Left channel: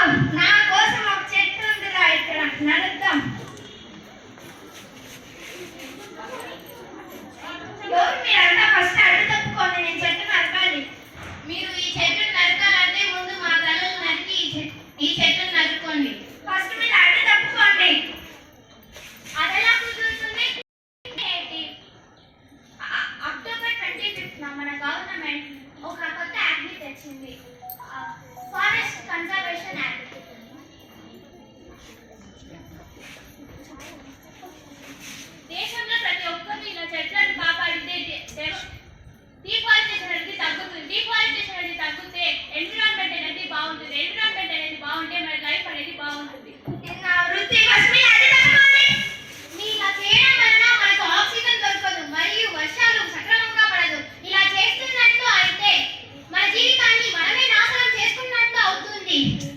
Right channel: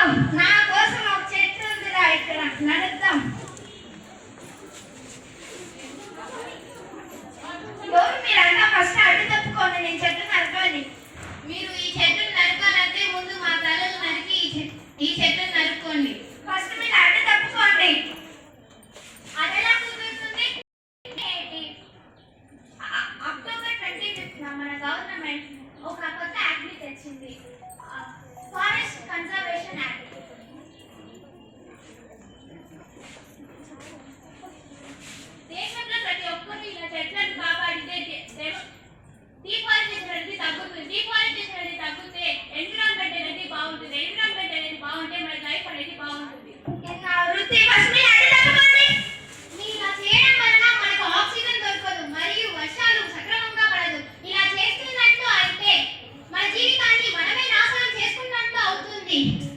నడుద్దాం కోసం ఒక చెట్టు ఉందిరా ఇక్కడ. నడుద్దాం. ఎవరు మీరంతా ఫస్ట్ అడ్డు తప్పుకోండి. నేను చెట్టు నరకాలి మీరు ఈ చెట్టు నరకాలంటే ముందు మా తలలు నరికి ఈ చెట్టు నరుక్కోండి ఫస్ట్ మీరు అడ్డు తప్పుకోండి. అదెలా కుదురుతుంది? అక్టోబర్ ట్వంటీ ఫిఫ్త్ మన గవర్నమెంట్ ఒక కొత్త యాక్ట్ని తెచ్చింది. Forest conservation Happy.